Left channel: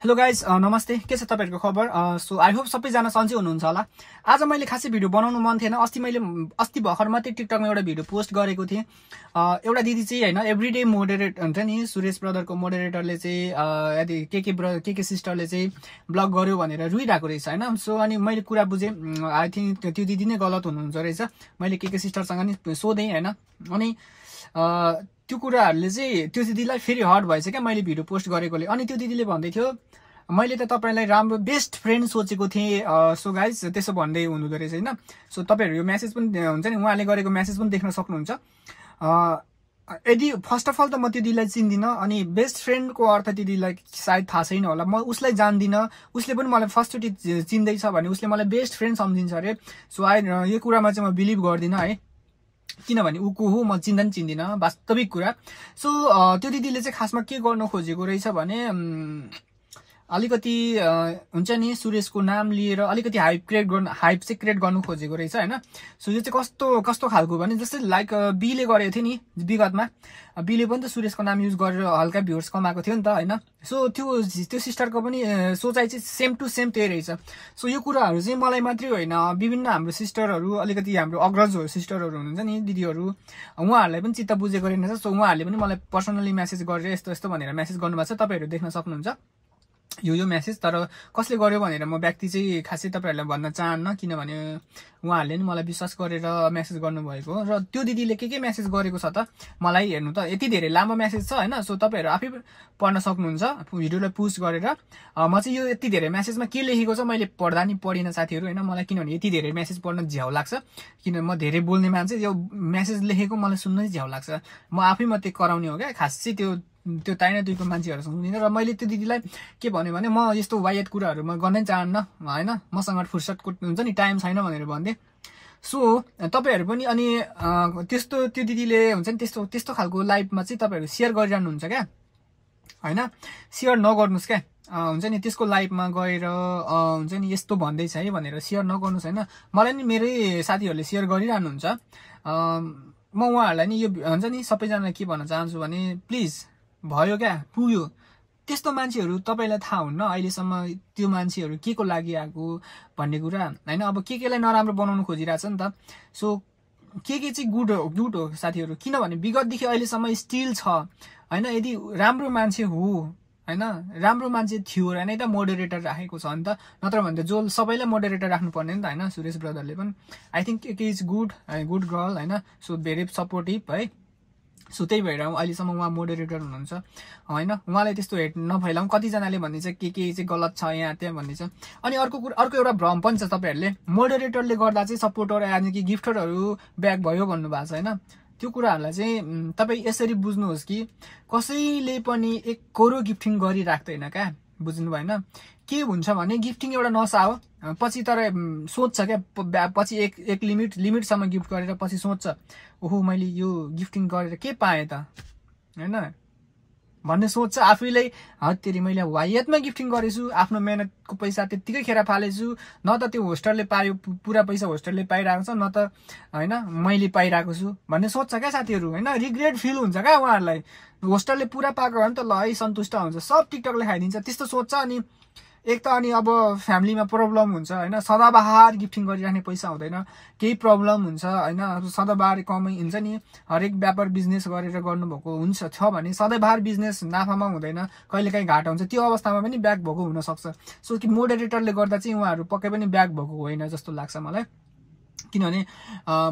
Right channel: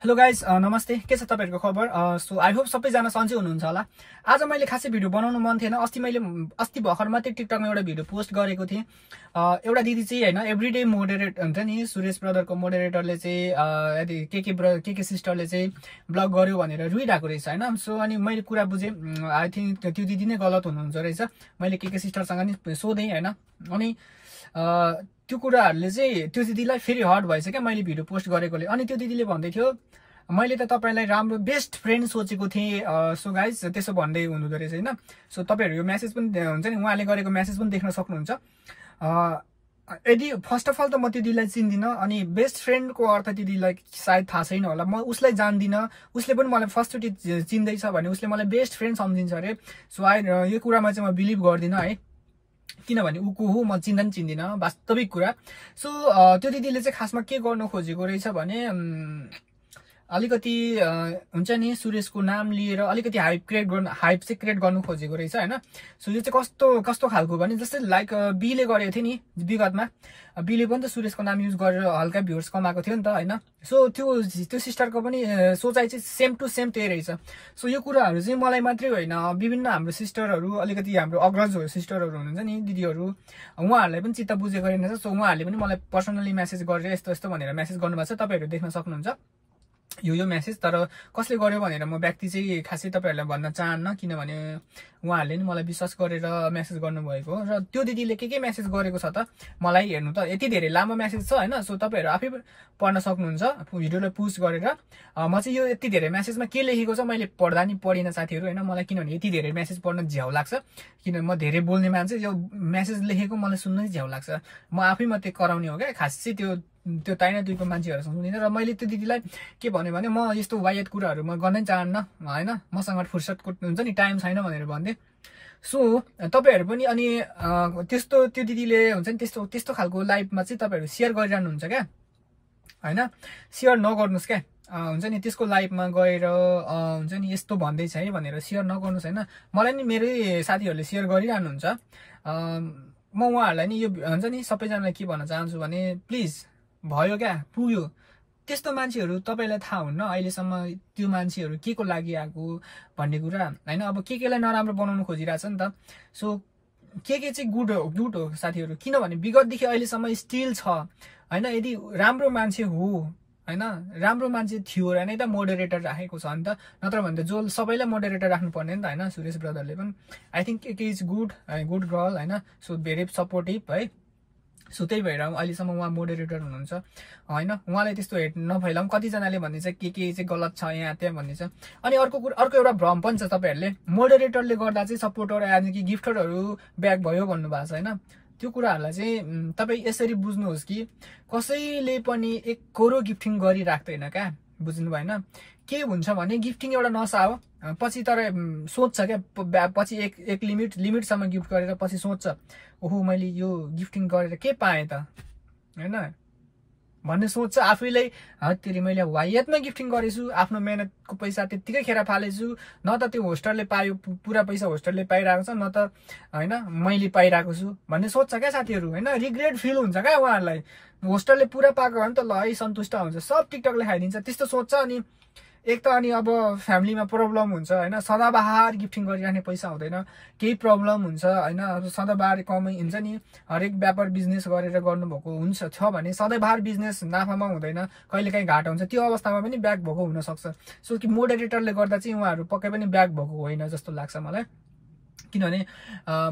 Hello guys नमस्ते के छ तपाईहरुको खबर सो आई होप सबैजना सन्चै हुनुहुन्छ होला। आज मैले खासै भिडियो बनाउनु मन थिएन। अस्ति भर्खर मात्रै टिकटकमा एउटा भिडियो पोस्ट गरेको थिएँ। एउटा दिदी चाहिँ हैन एभ्रीडे मोडरेट हुन्छ नि सुरेश ब्रदरको मोडरेटरले चाहिँ यदि के सिस्टरले चाहिँ ब्लग गर्यो भनेर रुइराको रहेछ हैन। सो अनि मैले कुरा बुझे आई थिंक त्यो दिदी नै गलत हुनुहुन्छ रहेछ। मैले के सिस्टरसँग नि सोधेँ हैन। अनि त्यो कुराहरुले चाहिँ त्यो दिदीलाई फेरि हर्ट भएछ क्या मैले भिडियो पोस्ट गरेकोले। अनि त्यो दिदीले भन्दै थियो मैले त तपाईलाई राम्रो बेस्ट फ्रेन्ड सोचेको थिएँ। सो गाइज त्यसो भन्दै हुनुहुँदो रहेछ हैन। सो तपाईहरु यो मेसेज पनि हुन्छ नि उहाँले गरेको मेसेज पनि देख्न सक्नुहुन्छ। यदि फर्स्ट अफ अल त म त्यो दिदीलाई चिन्दिन अनि बेस्ट फ्रेन्डको अर्थ दिदीलाई सायद थाहा छैन होला। म उसलाई जान्दिन, उसले पनि मलाई फर्स्टचोटि चिन्दैछ भने उसले मलाई बेस्ट फ्रेन्ड सम्झिन्छ अरे। सो यो कुरामा चाहिँ म बिलिभ गर्दिन है, किनभने ऊ को हो म चिन्दिन वास्तविक कुरा। सो त्यो दिदीले चाहिँ खासमा के गर्नु खोजेको रहेछ भने अलिकति हुन्छ नि सुरेशको नाम लिएर अलिकति हाइप चाहिँ क्रिएट गर्नु खोजेको रहेछ हैन। सो यो चाहिँ कस्तो खालको भने जस्तै लाइक बीले गरेको थियो नि विगतमा। बीले पनि त सुरेशको नाम युज गरेर हल्का भ्युर्स कमाएको थियो नि त हैन। सो त्यो सिस्टरको पनि सोचाइ चाहिँ सेम टु सेम त्यही रहेछ। सो यो कुराहरु चाहिँ मलाई मात्रै होइन विभिन्न हाम्रो सिस्टरहरु अलिकति हाम्रो अग्रज सिस्टरहरु हुनुहुन्छ नि दिदीहरु उहाँहरुलाई पनि चित्त बुझेको रहेछ। सो उहाँहरुले पनि मलाई पर्सनली मेसेज गरेर यस्तो भनेर मेसेज गर्नुभएको छ। तपाईहरु देख्न सक्नुहुन्छ यो मेसेज। तर कसले गर्यो भनेर म व्यक्ति चाहिँ खासै तपाईहरुलाई भन्न चाहन्न, किनभने उहाँहरुले नि मलाई विश्वास गरेर मेसेज गर्नुभएको र त्यो दिदीले के मेसेज गरेको छ त मलाई हेर्नु त यति धेरै लामो मेसेज छ हैन। सो तपाईहरु आफै पढ्न सक्नुहुन्छ भिडियोलाई पुश गरेर। म चाहिँ यो यति धेरै मेसेजमा के लेखेको छ मैले पढ्दा नि पढिन साथीहरु हैन। मलाई किनभने यति धेरै मेसेज पढ्न झ्याउ लाग्छ, किन म धेरै बोल्ने मान्छे। यो मेसेज लेखेको मलाई सुन्न झ्याउ लाग्छ। म आफै मात्रै कराउने हो क्या खासै त्यो ताइना दुईको मान्छेहरु सुन्दिन। र मैले त्यो दिदीलाई के भन्यो भने म यस्तो वायत कुराहरु म गर्नै चाहन्न हैन, मसँग फुर्सदको हुन्छ नि टाइम छैन भनेर भन्थे। सो तपाईहरु पनि अनि त्यस्तो त्यो दिदीले हुन्छ नि त्यस्तो खालको लाइफमा चाहिँ तपाईहरु शेयर गरिरहनु हुन्छ क्या हैन। शेयर नगर्नुस् क्या हुन्छ नि त्यसको लाइफमा गएर हुन्छ नि यस्तो भन्दैछ है भनेर शेयर नगर्नुस् हैन। मलाई नि मेरै साथीहरुले शेयर गरिरहनु हुन्छ। म उहाँहरुलाई नि यो हुन्छ नि सबैजनालाई के भन्न चाहन्छु भने प्लिज भयो क्या पुग्यो। त्यस्तो मान्छेहरु तपाईलाई थाहा हुन्न अहिलेसम्म त्यो मान्छेहरु के को लागि आएको भन्ने कुरा हैन। अब केलाई नराम्रो बनाउनु खोजिरहेछ नि त। सो के चाहिँ गुड हो साथीहरु, किनभने विगतदेखि अहिलेसम्म स्टिल छ हैन। यदि राम्रो मान्छे हो हैन, राम्रो मान्छे थियो र नै त मोडरेटर राखेको छ नि त, नत्र भने त जो सबैलाई मोडरेटर राख्नु पर्ने नि त हैन। सुरेश ब्रदरले पनि आई थिंक के इज गुड गर्ल हैन। सो भेरी सपोर्टिभ है। सो त्यही भएर अहिलेसम्म उहाँ मोडरेटर हुनुहुन्छ हैन। उहाँलाई त्यस्तो हेट नफैलाउँ। कतिजनाले भन्ने चाहिँ के चाहिँ गलत छ यहाँ त्यहाँ भन्ने छ। अनि अर्को एउटा भ्रम पनि छ तपाईहरुले मोडरेटरले गर्दा चाहिँ सपोर्टर यानि कि गिफ्टरहरु ब्याक भयो भन्नु भएको छ हैन। त्यो कुराहरुलाई चाहिँ तपाई यसरी बुझ्नुहोस् कि कसैले पनि एक करोड गिफ्टिङ गरिराख्दैन क्या, बुझ्नु भएन। के हुन्छ भने गिफ्टिङ एउटा नशा हो। पछि तर सोच्छ क्या पछि एक लिमिटसम्म गिफ्ट गरेर पछि सोच्छ ओहो मैले यो गिफ्टिङ गरेर के पाएँ त हैन भन्ने सोच्छ आफैलाई। हत्तेरी मैले वायतमा गिफ्टिङ गरेछु, आफ्नो मेहनतको पैसा त्यतिकै खेर फालेछु, न त त्यो होस्टरले पायो पुरा पैसा होस्टरले पाइरहेको छ, न त हैन मैले पाइरहेको छु भन्ने सोच्छ क्या साथीहरु हैन। रिग्रेट फिल हुन्छ क्या उहाँहरुलाई। होस्टरले पुरा पाएको भने त ल है सन्तुष्ट हुन्छ, सब टिकटकले खाइदिन्छ त्यस्तो सोच्छ। अनि एक त अनि अब फ्यामिलीमा प्रब्लम हुन्छ हैन। सदाबहार गिफ्टिङ गरिराख्ने पैसा हुँदैन, केही प्रब्लम हुन्छ हैन। अब सदाबहार कमाइ हुन्छ नि हरेक व्यापार बिजनेस गरेर गर्नुभएको हुन्छ छ भने सधैँभर बिजनेस नाफामा हुँदैन, कहिलेकाहीँ घाटा हुन्छ, त्यो अवस्थामा पनि ब्याक भएको हुन सक्छ। सो कि मोडरेटरले गर्दा चाहिँ उहाँहरु पक्कै पनि ब्याक भएको होइन जस्तो लाग्छ मलाई। किनभने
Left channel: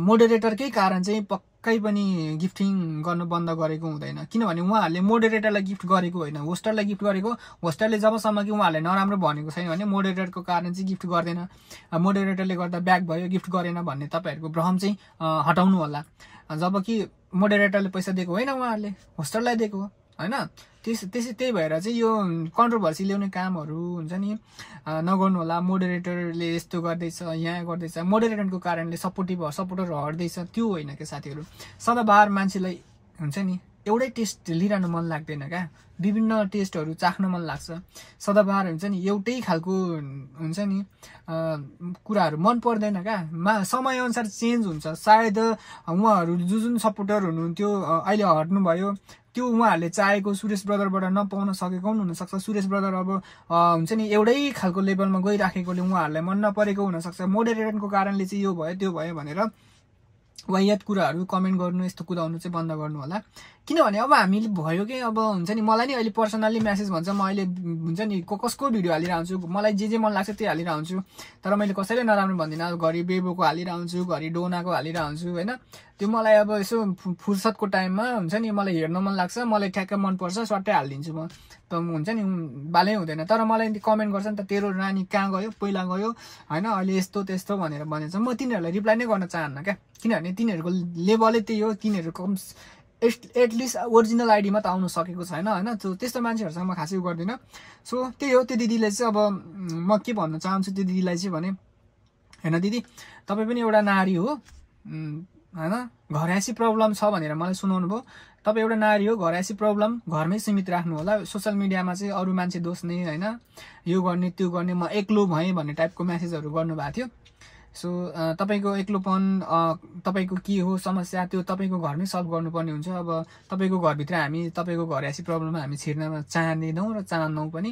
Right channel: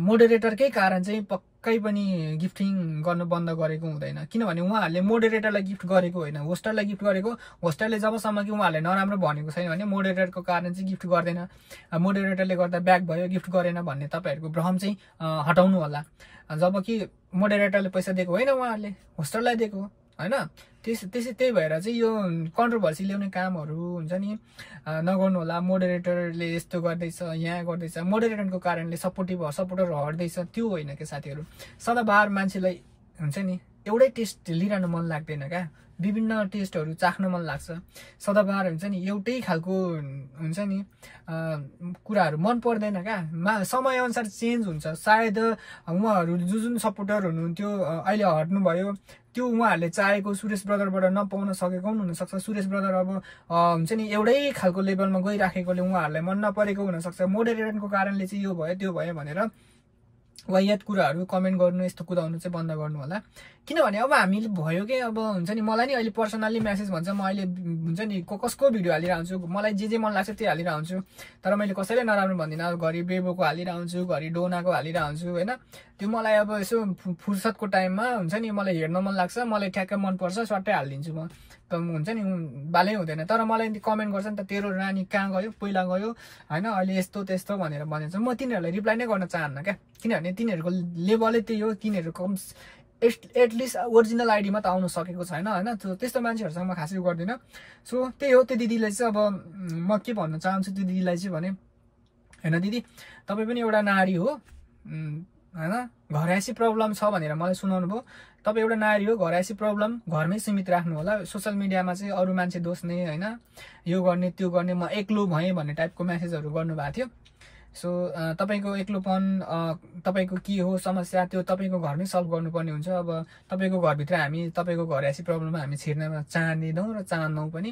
मोडरेटरकै कारण चाहिँ पक्कै पनि गिफ्टिङ गर्नु बन्द गरेको हुँदैन। किनभने उहाँहरुले मोडरेटरलाई गिफ्ट गरेको होइन, होस्टरलाई गिफ्ट गरेको। होस्टरले जबसम्म कि उहाँहरुले नराम्रो भनेको छैन भने मोडरेटरको कारण चाहिँ गिफ्ट गर्दैन। मोडरेटरले गर्दा ब्याक भयो गिफ्ट गरेन भन्ने तपाईहरुको भ्रम चाहिँ हटाउनु होला। जबकि मोडरेटरले पैसा दिएको होइन, उहाँहरुले होस्टरलाई दिएको हैन। त्यही भएर चाहिँ यो कन्ट्रोभर्सी ल्याउने कामहरु हुन्छ नि नगर्नु होला। मोडरेटरले यस्तो गर्दैछ यहाँ गर्दैछ, मोडरेटरको कारणले सपोर्टर हट्दैछ त्यो होइन के साथीहरु। सदाबहार मान्छेलाई हुन्छ नि एउटै टेस्ट लिइरहनु मन लाग्दैन क्या, विभिन्न टेस्टहरु चाख्न मन लाग्छ। सदाबहार हुन्छ नि एउटै खालको हुन्छ नि कुराहरु मन पर्दैन क्या। समय अनुसार चेन्ज हुन्छ। सायद उहाँहरु जुन सपोर्टर हुनुहुन्थ्यो अहिले हट्नु भयो त्यो उहाँहरूले चाहेको सुरेश ब्रदरबाट नपाउन सकेको पनि हुनसक्छ। सुरेश ब्रदर अब हुन्छ नि एउटै खालको लेभलमा गइराखेकोले उहाँहरूलाई मन नपरेको हुनसक्छ। मोडरेटरको कारणले चाहिँ यो भयो त्यो भयो भनेर वाहियात कुराहरू कमेन्ट गर्नु, यस्तो कुदाउनु चाहिँ बन्द गर्नु होला। किनभने अब हामीले भयो कि अब हुन्छ नि मलाई नि अहिले पर्सनल्ली मेसेज भन्छ, म अहिले हुन्छ नि कसको भिडियो हालिरहन्छु, मलाई जे मन लाग्छ त्यो हालिरहन्छु। तर मैले कसैले नराम्रो भन्दिनँ। अब घरि बेबोको हालिरहन्छु, घरि डोनाको हालिरहन्छु होइन। त्यो मलाई अब यसो फुर्सदको टाइममा हुन्छ नि मलाई हेर्न मन लाग्छ, मलाई ठ्याक्क मनपर्छ, सट्टै हालिदिन्छु म। त हुन्छ नि बालै हुँदैन। तर मलाई कमेन्ट गर्छ नि त, तेरो नानी कहाँ गयो, पहिला गयो होइन, अहिले यस्तो त्यस्तो भनेर भनिन्छ। म तिनीहरूलाई रिप्लाई नै गर्न चाहन्न क्या, किनभने तिनीहरूको लेभलै त्यही हो। तिनीहरूको एटलिस्ट ओरिजिनल आइडीमा त आउनु सकेको छैन होइन। त्यस्तो मान्छेहरूसँग म खासै गर्दिनँ। सो त्यही हो। त्यो दिदीलाई चाहिँ अब म के भन्न चाहन्छु त्यो दिदीलाई चाहिँ भने, होइन दिदी तपाईँ पनि एउटा नारी हो होइन, घरैसी प्रब्लम छ भनेर मलाई सुनाउनु भयो। तपाईँ एउटा नारी हो, घरैसी प्रब्लम घरमै सीमित राख्नु होला। सोसियल मिडियामा चाहिँ अरू मान्छे दोस्ने होइन, यो गर्ने त्यो गर्ने, म एक्लो भएँ भन्ने टाइपको म्यासेजहरू गर्नुभएको थियो। सो तपाईँको एक्लोपन तपाईँको के हो समस्या, त्यो तपाईँको घरमै सल्भ गर्नुपर्ने हुन्छ। अब तपाईँको घरभित्र हामी तपाईँको घरैसी प्रब्लममा हामी छिर्न चाहँदैनौँ र चाहन्नौँ पनि।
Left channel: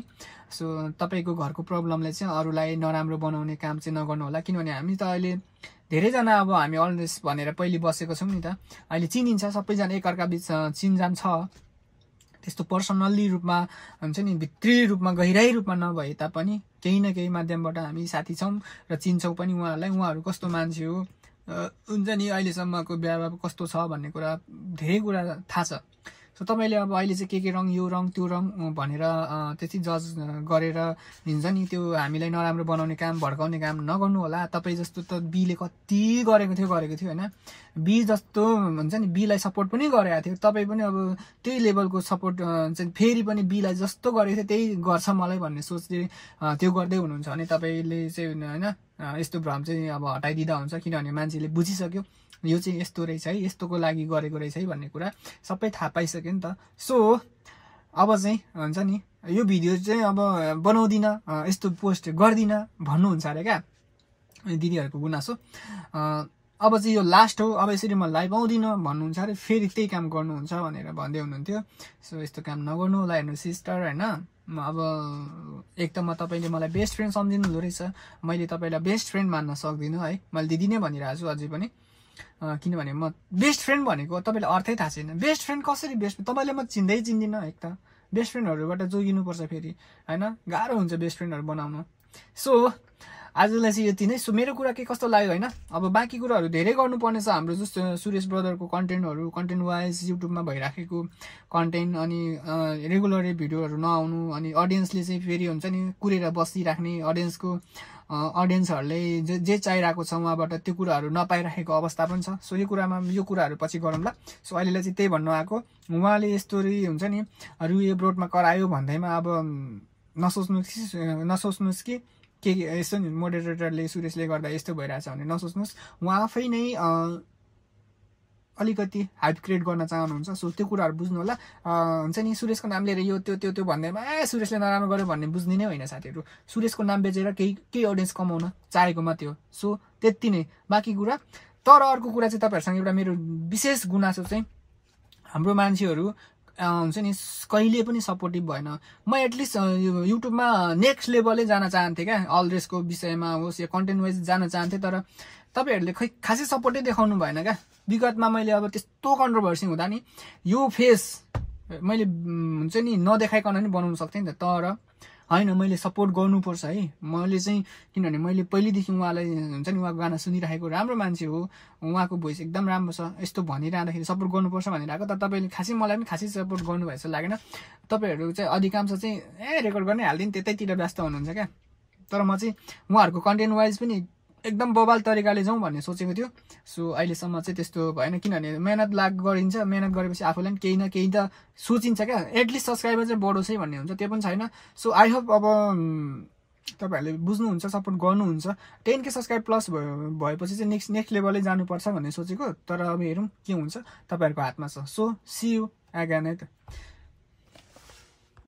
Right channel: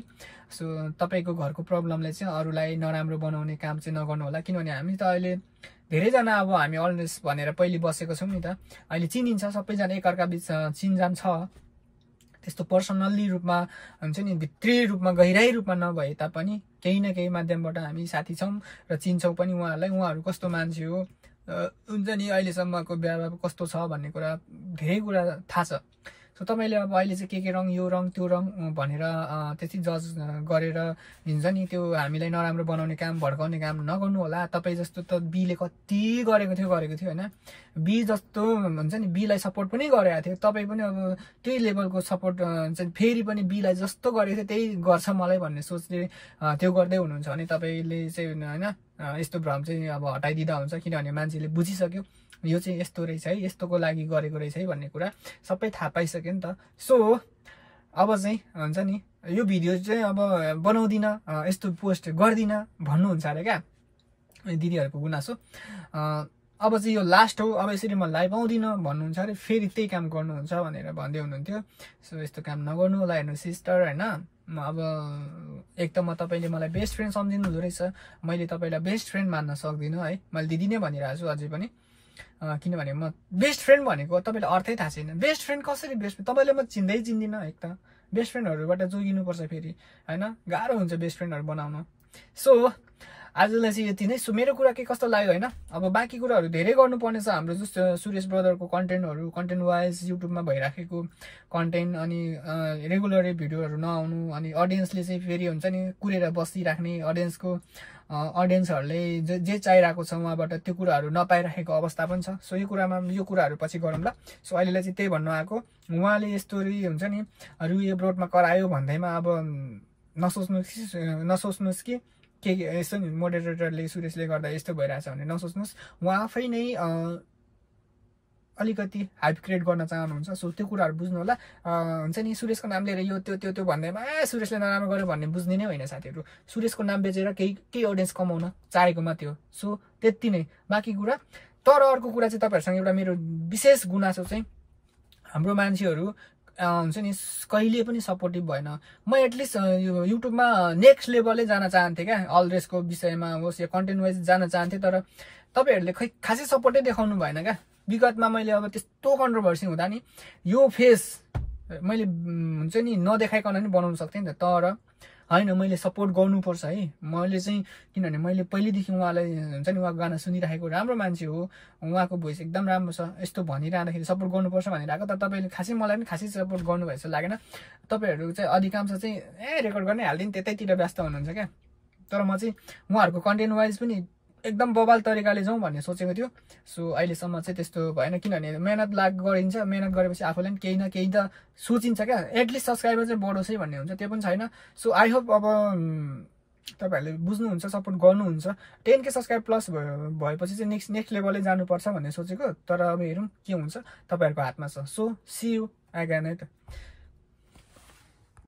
सो तपाईँको घरको प्रब्लमले चाहिँ अरूलाई नराम्रो बनाउने काम चाहिँ नगर्नु होला। किनभने हामी त अहिले धेरैजना अब हामी अलवेज भनेर पहिले बसेको छौँ नि त, अहिले चिनिन्छ सबैजना, एकअर्का बिच चिनजान छ। त्यस्तो पर्सनल्ली रूपमा हुन्छ नि भित्री रूपमा गहिराई रूपमा नभए तापनि केही न केही माध्यमबाट हामी साथी छौँ र चिन्छौँ पनि उहाँहरूलाई। उहाँहरू कस्तो मान्छे हो हुन्छ नि, अहिलेसम्मको व्यवहार कस्तो छ भन्ने कुरा धेरै कुरा थाहा छ। सो तपाईँले अब अहिले चाहिँ के रङ, यो रङ त्यो रङ भनेर त्यति जज गरेर दिन्छ नि, त्यो हामीलाई नराम्रो बनाउने काम, भड्काउने काम नगर्नु होला। तपाईँ जस्तो त बीले कति गरेको थियो होइन, बी जस्तो हुन्छ नि बीलाई सपोर्ट पनि गरेको थियो। तपाईँ पनि अब त्यही लेभलको सपोर्ट चाहिँ फेरि पनि बीलाई जस्तो गरेको थियो त्यही गर्छ मलाई भन्ने सोचले त्यो गर्दै हुनुहुन्छ भने तपाईँले चाहिँ होइन यस्तो भ्रम चाहिँ अब हटाइदिँदा हुन्छ। किनभने मान्छेले बुझिसक्यो यो चाहिँ यस्तो रहेछ है, यस्तोको लागि गरेको रहेछ है भन्ने कुरा सबै थाहा पाइसक्यो नि त। सो अब चाहिँ हुन्छ नि यो भिडियो चाहिँ अब बनाउँदिनँ, यस्तो पोस्ट गर्दिनँ भन्नुहुन्छ अरे क्या दिदीहरूको गुनासो। अब चाहिँ यो लास्ट हो, अब यसरी म लाइभ आउँदिनँ भन्नुहुन्छ अरे, फेरि त्यही काम गर्नुहुन्छ भनेर भन्दै हुनुहुन्थ्यो। सो यस्तो काम नगर्नु होला हेर्नु सिस्टर होइन। अब एक त तपाईँले मलाई बेस्ट फ्रेन्ड सम्झिनु हुँदो रहेछ, मैले तपाईँलाई बेस्ट फ्रेन्ड मान्न सक्दिनँ है, मैले दिदी नै भनिरहेको छु अझै पनि। किनभने म बेस्ट फ्रेन्ड भनेको तपाईँलाई अर्थै थाहा छैन। बेस्ट फ्रेन्ड कसरी बेस्ट, तपाईँले म चिन्दिनँ एक त। बेस्ट फ्रेन्डहरूबाट जोगिनुपर्छ फेरि होइन, गाह्रो हुन्छ बेस्ट फ्रेन्डहरू बनाउनु। सो आजलाई चाहिँ यति नै। सो मेरो कुरा के कस्तो लाग्यो होइन, अब बाँकी कुराहरू धेरै गर्नुपर्ने छ हाम्रो जस्तो सुरेश ब्रदरको कन्टेन्ट वाइज युट्युबमा भइराखेको कन्टेन्ट, अनि रेगुलरै भिडियोहरू नआउनु, अनि अडियन्सले चाहिँ फेरि हुन्छ नि कुरेर बसिराख्ने, अडियन्सहरूले जे चाहिरहेको छ उहाँबाट त्यो कुराहरू नपाइराखेको अवस्था पनि छ। सो यो कुराहरू पछि गरौँला। सो अहिलेलाई चाहिँ त्यही भन्नु आएको, उहाँले यस्तो हुन्छ नि रुए ब्रोडमा करायो भन्दैमा अब नसोच्नुहोस् कि के यसो नि मोडरेटरले सुरेशले गर्दा यस्तो भइरहेछ भने नसोच्नुहोस्। उहाँ आफै नै अलिकति हाइप क्रिएट गर्न चाहनुहुन्छ। सो त्यो कुराहरू बुझ्नु होला। हुन्छ नि सुरेशको नाम लिएर यो त्यो भन्दैमा सुरेशले नराम्रो गर्यो भन्ने बुझ्ने नै होइन साथीहरू। सुरेशको नाम बेचेर केही अडियन्स कमाउन चाहेको मात्रै हो। सो त्यति नै, बाँकी कुरा। तर अर्को कुरा चाहिँ तपाईँहरूसँग एउटा मेरो विशेष गुनासो चाहिँ हाम्रो मान्छेहरू हुन्छ नि कहिले पनि सपोर्टिभ भएन। म एटलिस्ट युट्युबमा नेक्स्ट लेभलै जान चाहन्थेँ क्या, अल रेसको विषयमा होस् या कन्टेन्ट वाइज जान चाहन्थेँ। तर तपाईँहरूले खै खासै सपोर्टै देखाउनु भएन क्या। विगतमा मैले अब त्यस्तो कन्ट्रोभर्सी हुँदा नि यो फेस मैले हुन्छ नि नदेखाइकन नि बनाउन सक्थेँ नि त। तर होइन, मैले सपोर्ट गर्नुपर्छ है। मैले चाहिँ किनभने मैले पहिल्यैदेखि उहाँलाई हुन्छ नि उहाँको गाना सुनिरहेको, राम्रो मान्छे हो, उहाँको भोइस एकदम राम्रो छ, यस्तो भनिरहँदाखेरि सपोर्ट गर्नुपर्छ भनेर आएको। तर तपाईँले खासै मलाई पनि खासै सपोर्ट गर्नुभयो जस्तो लागेन। तपाईँहरू चाहिँ अधिकांश चाहिँ रेकर्ड गर्ने हालिदिनु त्यतैतिर व्यस्त हुनुहुन्छ क्या। तर म चाहिँ उहाँहरूको कन्टेन्ट वाइज पनि एकदम बबाल तरिकाले जाउँ भन्ने सोचेको थियो। सो अहिलेसम्म चाहिँ त्यस्तो भएन, किनभने मेहनत गरिन्छ, मेहनत गरेपछि आफूलाई पनि केही न केही त सोचिन्छ क्या, एटलिस्ट सब्सक्राइबर चाहिँ बढोस् है भन्ने हुन्छ, त्यो पनि छैन। सो आई होप अब तपाईँहरूले बुझ्नुहुन्छ, सपोर्ट गर्नुहुन्छ। 10K सब्सक्राइब प्लस भएपछि चाहिँ नेक्स्ट लेभलै जानुपर्छ भन्ने सोचेको। तर अब हेरौँ के हुन्छ, तपाईँहरूको हातमा छ। सो सी यू अगेन है त।